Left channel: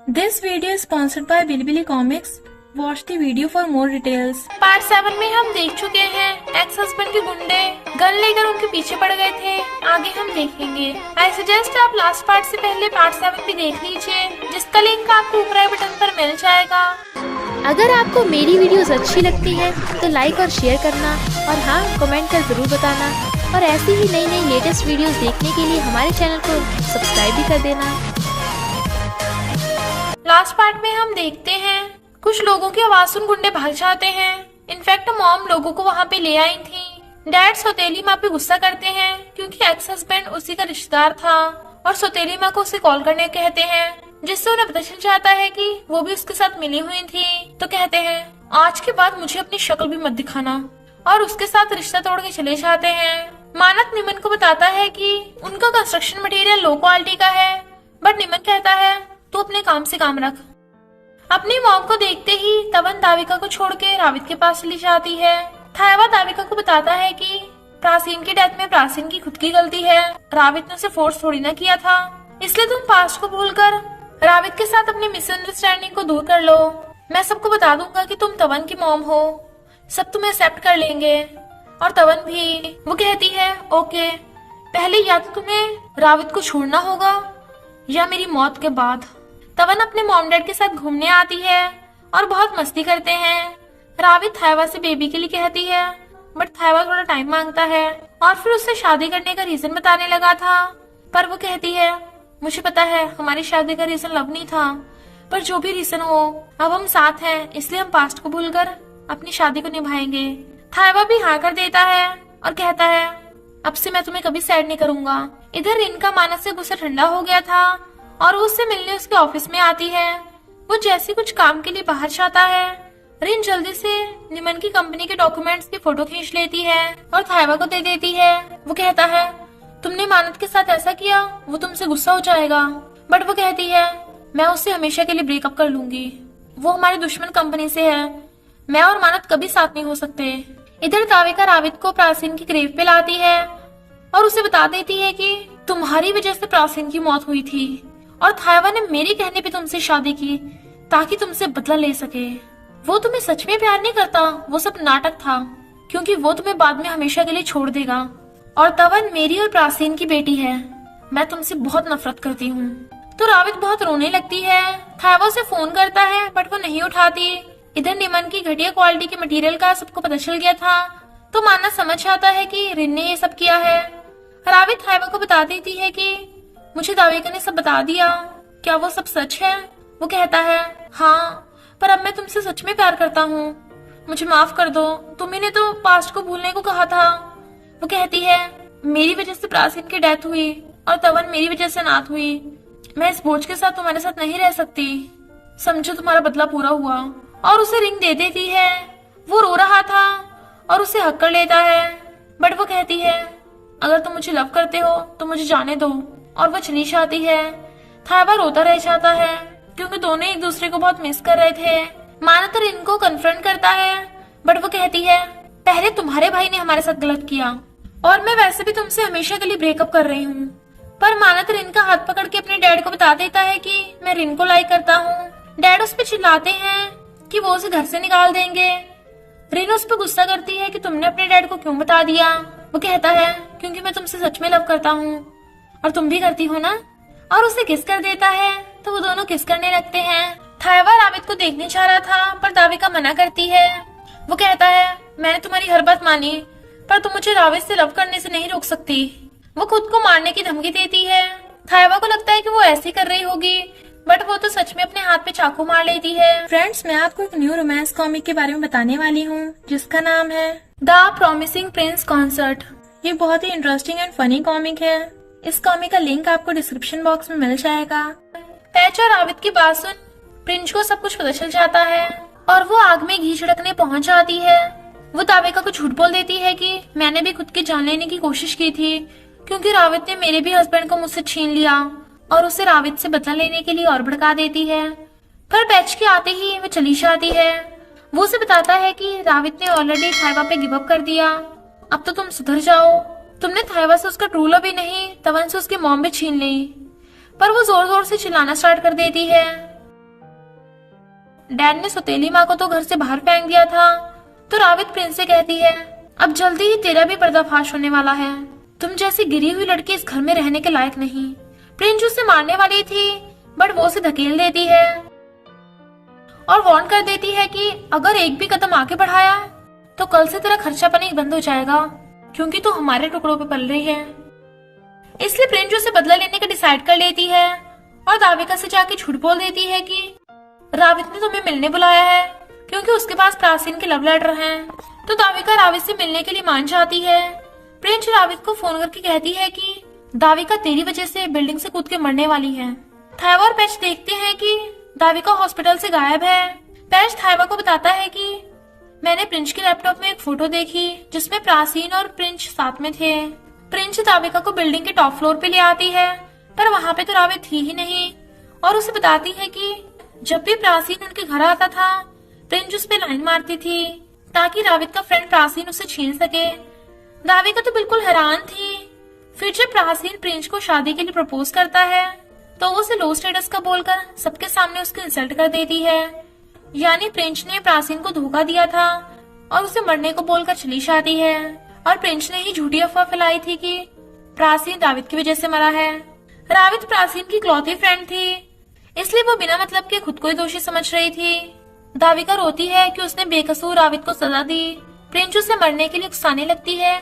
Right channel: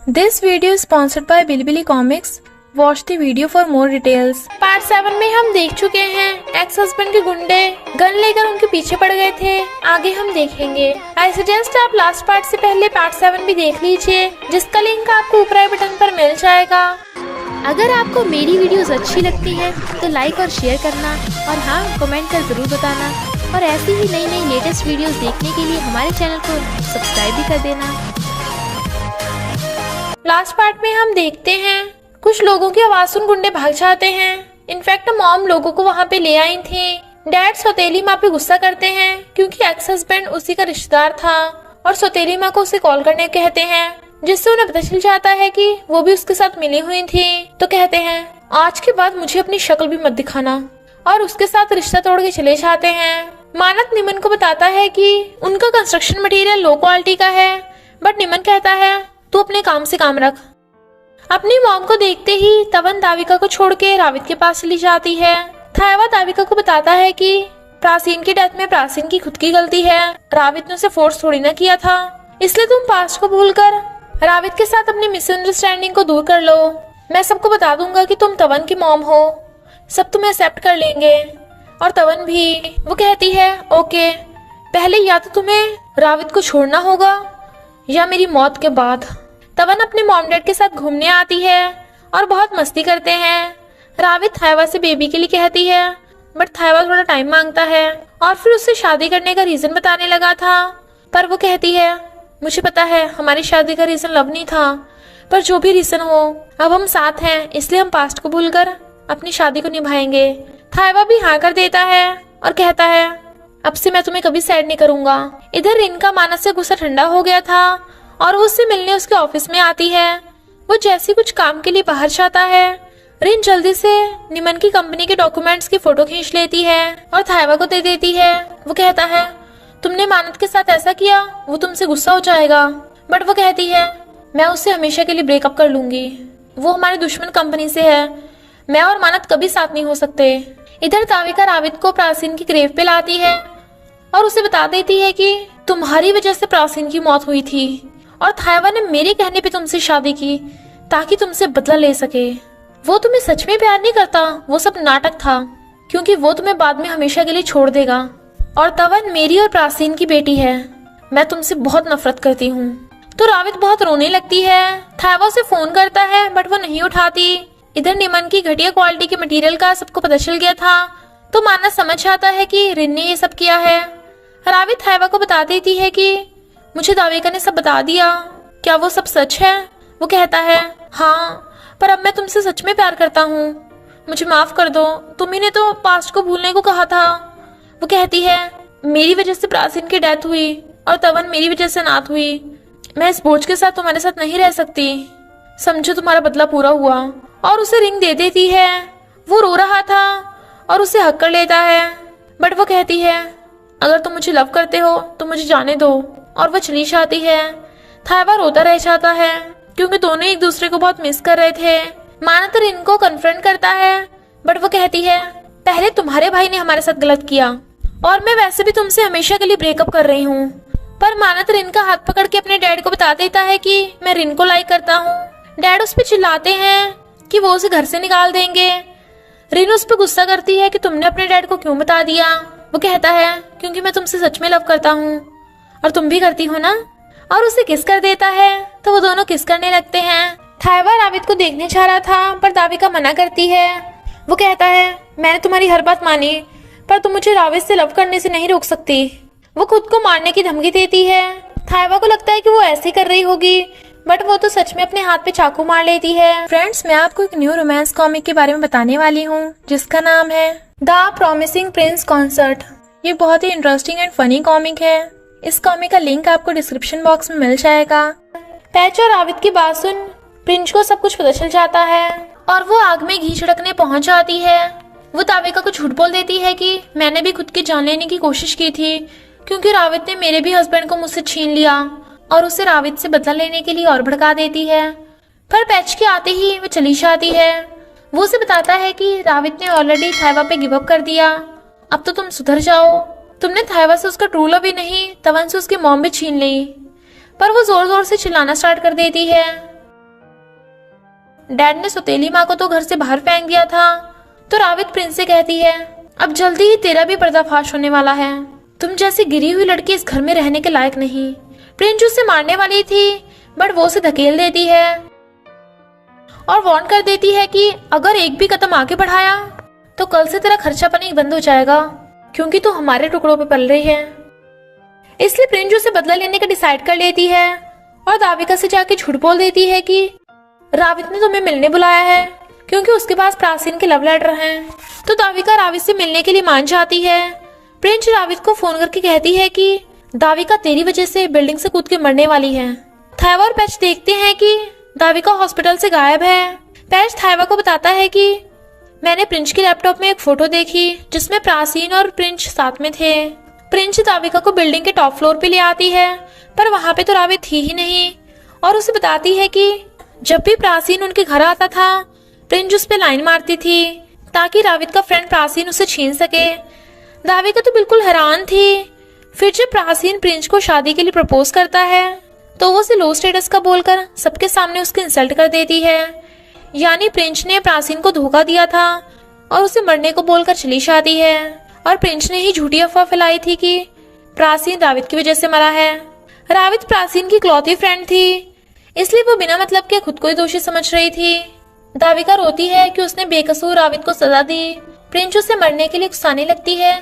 This video is sponsored by Bilibili Comics. Watch the video for more details. Part 7 में हम देख चुके हैं एक्स हस्बैंड के गुंडे गन लेकर उनके पीछे पड़ गए थे। आगे हम देखेंगे। आई सजेस्ट आप लास्ट पार्ट से पहले पार्ट 7 भी देख लीजिए, जिसका लिंक आपको ऊपर आई बटन पर मिल जाएगा। अगर आपको मेरी वीडियोस अच्छी लगती है तो लाइक और शेयर करना, और हाँ, कमेंट कर जरूर बताना। और ऐसी ही नई नई लेटेस्ट वीडियोस देखने के लिए हमारे चैनल को सब्सक्राइब भी कर देना। लास्ट पार्ट में हम देखते हैं कुछ लोगों की आवाज सुन गुंडे भाग जाते हैं। इनफैक्ट मॉम लोगों को वहाँ पे ले आई थी। डैड सौतेली माँ पे गुस्सा करते हैं क्योंकि एक्स हस्बैंड उसी का रिश्तेदार था, और सौतेली माँ को उसे कॉल करने कहते हैं, जिससे उन्हें पता चल जाता है कि वो भी उसके साथ मिली हुई थी। तो कहते हैं आज के बाद मुझे अपनी शक्ल भी मत दिखाना, और उसके साथ रिश्ता तोड़ के चले जाते हैं। मानत निमन को बताता है कि उनका कंस्ट्रक्शन मटेरियल लो क्वालिटी का है, बट निमन कहता है तू अपने काम से काम रख। अपनी मॉम को देखते ही तवन दाविका को छोड़ के रावित के पास चली जाती है। थायवा दाविका को बताता है कि प्राचीन की डेथ में प्राचीन की खुद की गलती है, रावित ने उसे फोर्स थोड़ी ना किया था, इसलिए तुम पास्ट को भूलकर रावित के साथ अपनी मिसअंडरस्टैंडिंग को दूर कर लो। मैं सबको बता दूंगा कि तुम तवन की मॉम हो, सब तुम्हें एक्सेप्ट कर लेंगे, और तवन भी। वो कहती है ओके, पहले या तो तुम्हें रावित को छोड़ना होगा या मेरी मौत के बाद। तवन अपने मॉम डैड के साथ घूमने आती है और बहुत मस्ती करते हैं। रावित थायवा से बेबी के लिए कहती है, बट थायवा थोड़ा टाइम मांगता है और फिर उससे शादी करने का रीजन बताने लगा था। पर वो कहती है मुझे पता है हमारी शादी का रीजन लव नहीं था, पर जो भी रीजन हो अब हम साथ हैं, इसलिए हम पास्ट को भूलकर अपनी शादी को निभाएंगे। थायवा भी हाँ कर देता है और कहता है अब से मैं तुम्हें कभी सैड नहीं करूंगा। इधर रिन का मानस से गुस्सा ठंडा हो गया था और वो उससे मिलने उसके ऑफिस में आती है। वो जैसे कुछ काम के लिए बाहर जाता है, रिन जल्दी से निमन की कंपनी के डॉक्यूमेंट्स की फोटो खींच लेती है और थायवा को दे देती है। वो कहता है तुमने मानत के साथ ऐसा किया, वो तुमसे गुस्सा हो जाएगा, बट वो कहती है मैं उससे हमेशा के लिए ब्रेकअप कर लूंगी, वो हमारे दुश्मन कंपनी से है, मैं और मानत कभी साथ नहीं हो सकते। इधर दाविका रावित को प्राचीन की ग्रेव पे लाती है और उसे बता देती है कि तुम्हारी वजह से प्राचीन की मौत हुई थी, और थायवा ने मेरे कहने पे तुमसे शादी की ताकि तुमसे बदला ले सके। वो तुम्हें सच में प्यार नहीं करता, वो सब नाटक था, क्योंकि वो तुम्हें बाद में हमेशा के लिए छोड़ देगा। और तवन मेरी और प्राचीन की बेटी है, मैं तुमसे बहुत नफरत करती हूँ। तो रावित बहुत रोने लगती है। थायवा उसे फोन करता है बट वो नहीं उठाती। इधर निमन की घटिया क्वालिटी के मटेरियल का सबको पता चल गया था, तो मानस समझ जाता है कि रिन ने ये सब किया है। रावित थायवा को बता देती है कि मुझे दाविका ने सब बता दिया, क्या वो सब सच है? वो कहता है हाँ, पर अब मैं तुमसे सच में प्यार करता हूँ, मुझे माफ कर दो, तुम्ही ने तो पास्ट को भूलने को कहा था। वो कहती है मेरी वजह से प्राचीन की डेथ हुई और तवन मेरी वजह से नाथ हुई, मैं इस बोझ के साथ तुम्हारे साथ नहीं रह सकती, समझो तुम्हारा बदला पूरा हुआ। और उसे रिंग दे देती है। वो रो रहा था और उसे हक कर लेता है, बट वो कहती है अगर तुम मुझे लव करते हो तो मुझे जाने दो, और वो चली जाती है। थायवा रोता रह जाता है क्योंकि दोनों एक दूसरे को बहुत मिस कर रहे थे। मानत रिन को कन्फ्रंट करता है, बट वो कहती है पहले तुम्हारे भाई ने हमारे साथ गलत किया, और मैं वैसे भी तुमसे हमेशा के लिए ब्रेकअप कर रही हूँ। पर मानत रिन का हाथ पकड़ के अपने डैड को बता देता है कि मैं रिन को लाइक करता हूँ। डैड उस पर चिल्लाते हैं कि वो उसे घर से निकाल देंगे। रिन उस पर गुस्सा करती है कि तुमने अपने डैड को क्यों बता दिया। वो कहता है क्योंकि मैं तुमसे सच में लव करता हूँ और तुम भी करती हो ना, और उसे किस कर देता है। तो वो दोनों किस करने लगते हैं। थायवा रावित को देखने जा रहा था, पर दाविका मना करती है। वो कहता है मैंने तुम्हारी हर बात मानी, पर तुम मुझे रावित से लव करने से नहीं रोक सकती। वो खुद को मारने की धमकी देती है। थायवा को लगता है कि वो ऐसे कर रही होगी, बट वो तो सच में अपने हाथ पे चाकू मार लेती है। फ्रेंड्स, मैं आपको एक न्यू रोमांस कॉमिक के बारे में बताने वाली हूँ, जिसका नाम है द प्रॉमिसिंग प्रिंस कॉन्सर्ट। ये बहुत ही इंटरेस्टिंग एंड फनी कॉमिक है। इस कॉमिक का लिंक आपको डिस्क्रिप्शन बॉक्स में मिल जाएगा। पैच और रावित की बात सुन प्रिंस को सब कुछ पता चल जाता है और वो आग में घी छिड़कने पहुंच जाती है। वो दाविका को झूठ बोल देती है कि मैंने भी खुद की जान लेने की कोशिश की थी, क्योंकि रावित ने मेरे भी हस्बैंड को मुझसे छीन लिया, और उसे रावित से बदला लेने के लिए और भड़का देती है। पर पैच के आते ही वो चली जाती है। वो उसे बताता है कि रावित ने ऑलरेडी थायवा पे गिव अप कर दिया, अब तो तुम सुधर जाओ, तुमने थायवा से उसका ट्रू लव भी नहीं, तवन से उसकी मॉम भी छीन ली। पर वो जोर जोर से चिल्लाना स्टार्ट कर देती है। डैड ने सौतेली माँ को तो घर से बाहर फेंक दिया था। तो रावित प्रिंस से कहती है, अब जल्दी ही तेरा भी पर्दाफाश होने वाला है। तुम जैसी गिरी हुई लड़की इस घर में रहने के लायक नहीं। प्रिंस उसे मारने वाली थी, बट वो उसे धकेल देती है और वार्न कर देती है कि अगर एक भी कदम आगे बढ़ाया तो कल से तेरा खर्चा पानी बंद हो जाएगा, क्योंकि तू हमारे टुकड़ों पे पल रही है। इसलिए प्रिंस उसे बदला लेने का डिसाइड कर लेती है और दाविका से जाके झूठ बोल देती है कि रावित ने तुम्हें मिलने बुलाया है, क्योंकि उसके पास प्राचीन के लव लेटर हैं। तो दाविका रावित से मिलने के लिए मान जाती है। प्रिंस रावित को फोन करके कहती है कि दाविका तेरी वजह से बिल्डिंग से कूद के मरने वाली है। थायवा और पैच देखते हैं कि दाविका हॉस्पिटल से गायब है। पैच थायवा को बताता है कि मैंने प्रिंस के लैपटॉप में एक फोटो देखी जिसमें प्राचीन और प्रिंस साथ में थे। प्रिंस दाविका को बिल्डिंग के टॉप फ्लोर पे ले आती है, पर वहां पे तो रावित थी ही नहीं, और उसे बताती है कि जब भी प्राचीन उनके घर आता था प्रिंस उस पे लाइन मारती थी ताकि रावित का फ्रेंड प्राचीन उसे छीन सके। दाविका तो बिल्कुल हैरान थी। फिर जब प्राचीन प्रिंस को शादी के लिए प्रपोज करता है तो वो उसे लो स्टेटस का बोलकर सबके सामने उसकी इंसल्ट कर देती है। यानी प्रिंस ने प्राचीन को धोखा दिया था और उसे मरने को बोलकर चली जाती है, और प्रिंस ने ही झूठी अफवाह फैलाई थी कि प्राचीन रावित की वजह से मरा है। रावित प्राचीन की इकलौती फ्रेंड थी, इसलिए वो बिना मतलब के खुद को ही दोषी समझ रही थी। दाविका रोती है कि उसने बेकसूर रावित को सजा दी। प्रिंस उसे मरने के लिए उकसाने लगती है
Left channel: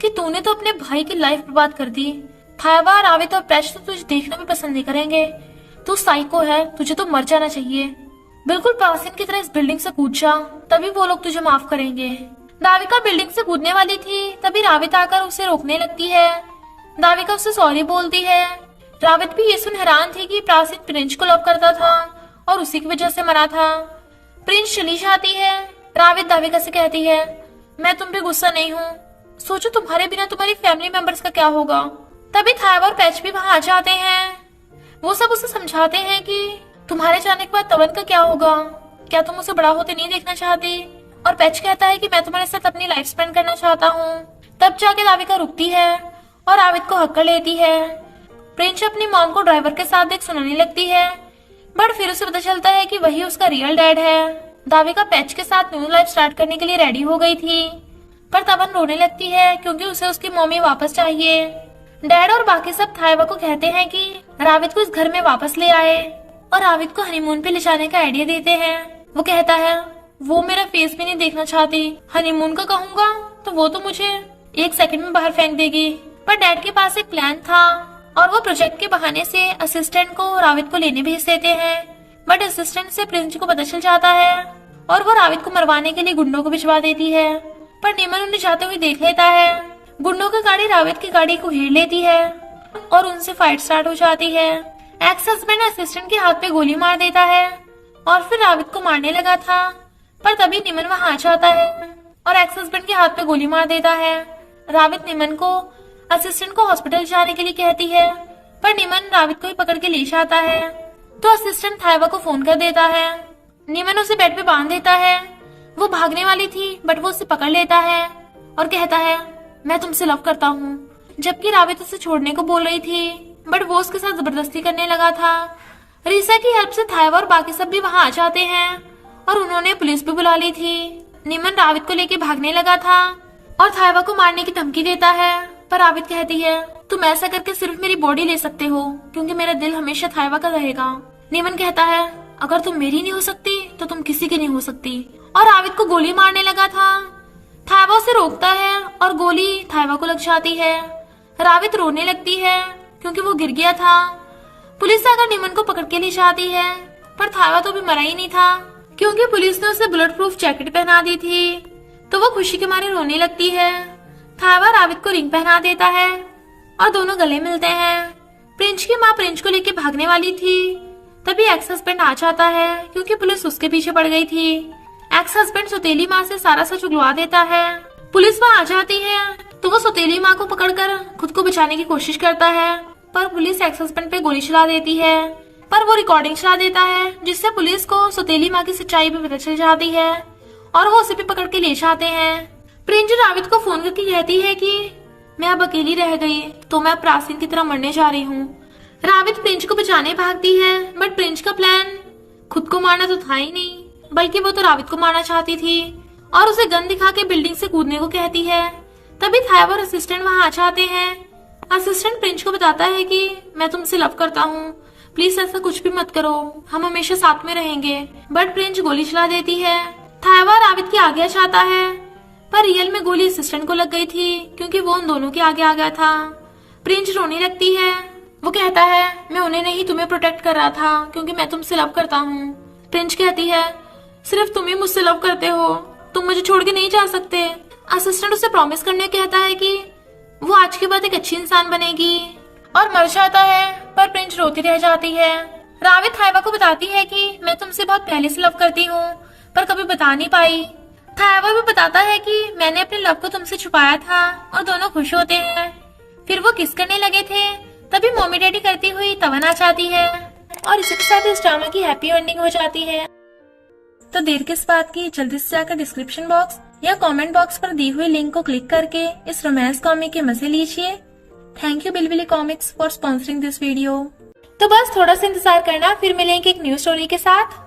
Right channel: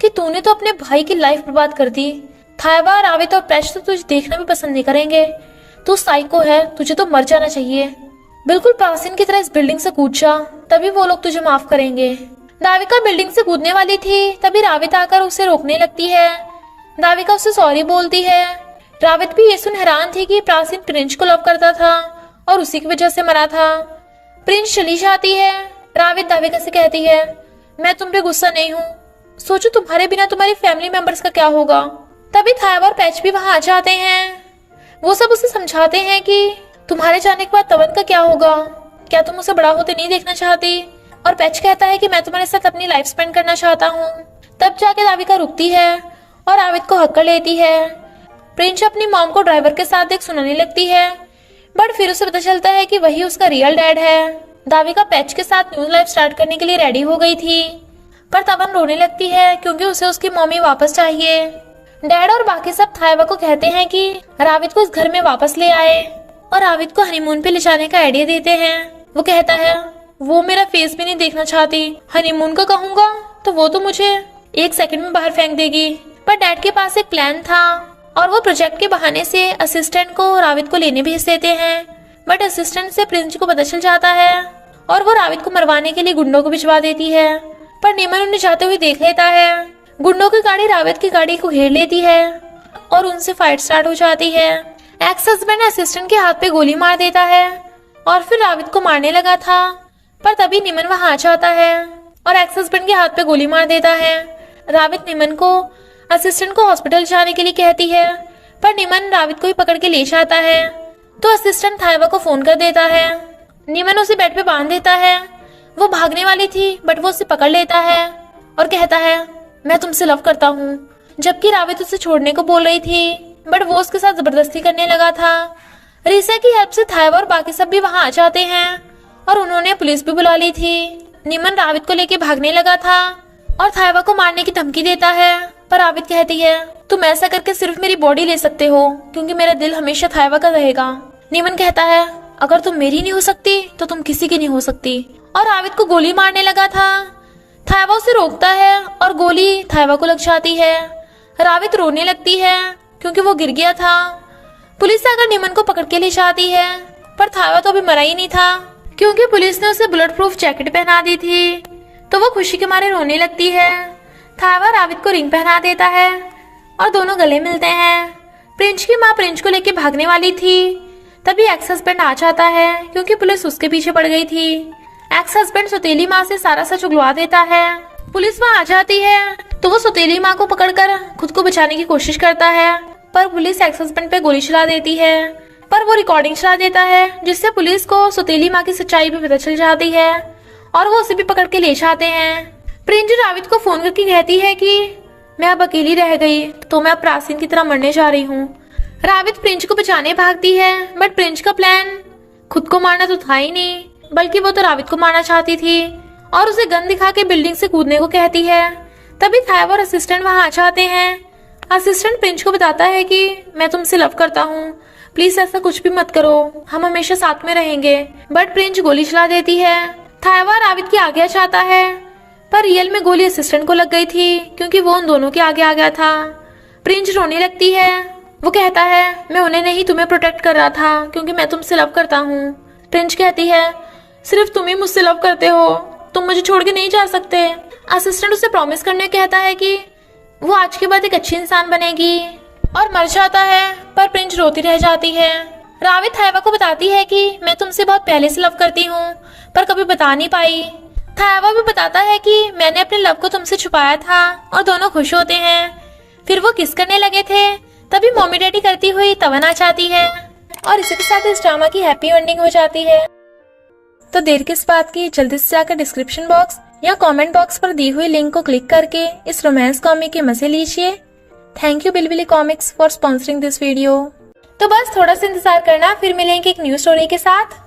कि तूने तो अपने भाई की लाइफ बर्बाद कर दी। थायवा, रावित और पैच तो तुझे देखना भी पसंद नहीं करेंगे। तू साइको है, तुझे तो मर जाना चाहिए। बिल्कुल प्राचीन की तरह इस बिल्डिंग से कूद जा, तभी वो लोग तुझे माफ करेंगे। दाविका बिल्डिंग से कूदने वाली थी, तभी रावित आकर उसे रोकने लगती है। दाविका उसे सॉरी बोलती है। रावित भी ये सुन हैरान थी कि प्राचीन प्रिंस को लव करता था और उसी की वजह से मरा था। प्रिंस चली जाती है। रावित दाविका से कहती है, मैं तुम पे गुस्सा नहीं हूँ, सोचो तुम्हारे बिना तुम्हारी फैमिली मेंबर्स का क्या होगा। तभी थायवा और पैच भी वहां आ जाते हैं। वो सब उसे समझाते हैं कि तुम्हारे जाने के बाद तवन का क्या होगा, क्या तुम उसे बड़ा होते नहीं देखना चाहती। और पैच कहता है कि मैं तुम्हारे साथ अपनी लाइफ स्पेंड करना चाहता हूँ। तब जाके दाविका रुकती है और रावित को हक कर लेती है। प्रिंस अपनी मॉम को ड्राइवर के साथ देख सुनाने लगती है, बट फिर उसे पता चलता है कि वही उसका रियल डैड है। दाविका पैच के साथ न्यू लाइफ स्टार्ट करने के लिए रेडी हो गई थी, पर तवन रोने लगती है क्योंकि उसे उसकी मम्मी वापस चाहिए। डैड और बाकी सब थायवा को कहते हैं कि रावित को इस घर में वापस ले आए और रावित को हनीमून पे ले जाने का आइडिया देते हैं। वो कहता है वो मेरा फेस भी नहीं देखना चाहती, हनीमून का कहूंगा तो वो तो मुझे 1 सेकंड में बाहर फेंक देगी। पर डैड के पास एक प्लान था और वो प्रोजेक्ट के बहाने से असिस्टेंट को रावित को लेने भेज देते हैं, बट असिस्टेंट से प्रिंस को पता चल जाता है और वो रावित को मरवाने के लिए गुंडों को भिजवा देती है। पर निमन उन्हें जाते हुए देख लेता है। गुंडों की गाड़ी रावित की गाड़ी को घेर लेती है और उनसे फाइट स्टार्ट हो जाती है। एक्स हस्बैंड असिस्टेंट के हाथ पे गोली मार देता है और फिर रावित को मारने लगा था, पर तभी निमन वहां आ जाता है और एक्स हस्बैंड के हाथ पे गोली मार देता है। रावित निमन को असिस्टेंट को हॉस्पिटल जाने के लिए कहती है, पर निमन रावित को ही पकड़ के ले जाता है। तो असिस्टेंट थायवा को फोन कर देता है। निमन उसे बेड पे बांध देता है। वो भागने वाली थी, बट वो उसे पकड़ लेता है और कहता है मैं तुमसे लव करता हूँ, जबकि रावित उसे छोड़ने को बोल रही थी, बट वो उसके साथ जबरदस्ती करने लगा था। रीसा की हेल्प से थायवा और बाकी सब भी वहां आ जाते हैं और उन्होंने पुलिस भी बुला ली थी। निमन रावित को लेके भागने लगा था और थायवा को मारने की धमकी देता है, पर रावित कहती है तुम ऐसा करके सिर्फ मेरी बॉडी ले सकते हो, क्योंकि मेरा दिल हमेशा थायवा का रहेगा। निमन कहता है अगर तुम मेरी नहीं हो सकती तो तुम किसी की नहीं हो सकती, और रावित को गोली मारने लगा था। थायवा उसे रोकता है और गोली थायवा को लग जाती है। रावित रोने लगती है क्योंकि वो गिर गया था। पुलिस आकर निमन को पकड़ के ले जाती है, पर थायवा तो अभी मरा ही नहीं था, क्योंकि पुलिस ने उसे बुलेट प्रूफ जैकेट पहना दी थी। तो वो खुशी के मारे रोने लगती है। थायवा रावित को रिंग पहना देता है और दोनों गले मिलते हैं। प्रिंस की माँ प्रिंस को लेके भागने वाली थी, तभी एक्स हस्बैंड आ जाता है क्योंकि पुलिस उसके पीछे पड़ गई थी। एक्स हस्बैंड सौतेली माँ से सारा सच उगलवा देता है। पुलिस वहाँ आ जाती है तो वो सौतेली माँ को पकड़कर खुद को बचाने की कोशिश करता है, पर पुलिस एक्स हस्बैंड पे गोली चला देती है। पर वो रिकॉर्डिंग चला देता है, जिससे पुलिस को सौतेली माँ की सच्चाई भी पता चल जाती है और वो उसे भी पकड़ के ले जाते हैं। प्रिंस रावित को फोन करके कहती है कि मैं अब अकेली रह गई तो मैं प्राचीन की तरह मरने जा रही हूँ। रावित प्रिंस को बचाने भागती है, बट प्रिंस का प्लान खुद को मारना तो था ही नहीं, बल्कि वो तो रावित को मारना चाहती थी और उसे गन दिखा के बिल्डिंग से कूदने को कहती है। तभी थाइवा और असिस्टेंट वहां आ जाते हैं। असिस्टेंट प्रिंस को बताता है कि मैं तुमसे लव करता हूँ, प्लीज ऐसा कुछ भी मत करो, हम हमेशा साथ में रहेंगे। बट प्रिंस गोली चला देती है। थाइवा रावित के आगे चाहता है, पर रियल में गोली असिस्टेंट को लग गई थी क्योंकि वो उन दोनों के आगे आ गया था। प्रिंस रोने लगती है। वो कहता है मैं उन्हें नहीं तुम्हें प्रोटेक्ट कर रहा था क्योंकि मैं तुमसे लव करता हूँ। प्रिंस कहती है सिर्फ तुम ही मुझसे लव करते हो, तुम मुझे छोड़ के नहीं जा सकते। असिस्टेंट उसे प्रॉमिस करने कहता है कि वो आज के बाद एक अच्छी इंसान बनेगी और मर जाता है, पर प्रिंस रोती रह जाती है। रावित थाइवा को बताती है कि मैं तुमसे बहुत पहले से लव करती हूँ पर कभी बता नहीं पाई। थाइवा भी बताता है कि मैंने अपने लव को तुमसे छुपाया था और दोनों खुश होते हैं। फिर वो किस करने लगे थे, तभी मम्मी डैडी करती हुई तवन आ जाती है और इसी के साथ इस ड्रामा की हैप्पी एंडिंग हो जाती है। तो देर किस बात की, जल्दी से जाकर डिस्क्रिप्शन बॉक्स या कमेंट बॉक्स पर दी हुई लिंक को क्लिक करके इस रोमांस कॉमिक के मजे लीजिए। Thank you Bilbili comics for sponsoring this video. तो बस थोड़ा सा इंतजार करना, फिर मिलेंगे एक न्यू स्टोरी के साथ।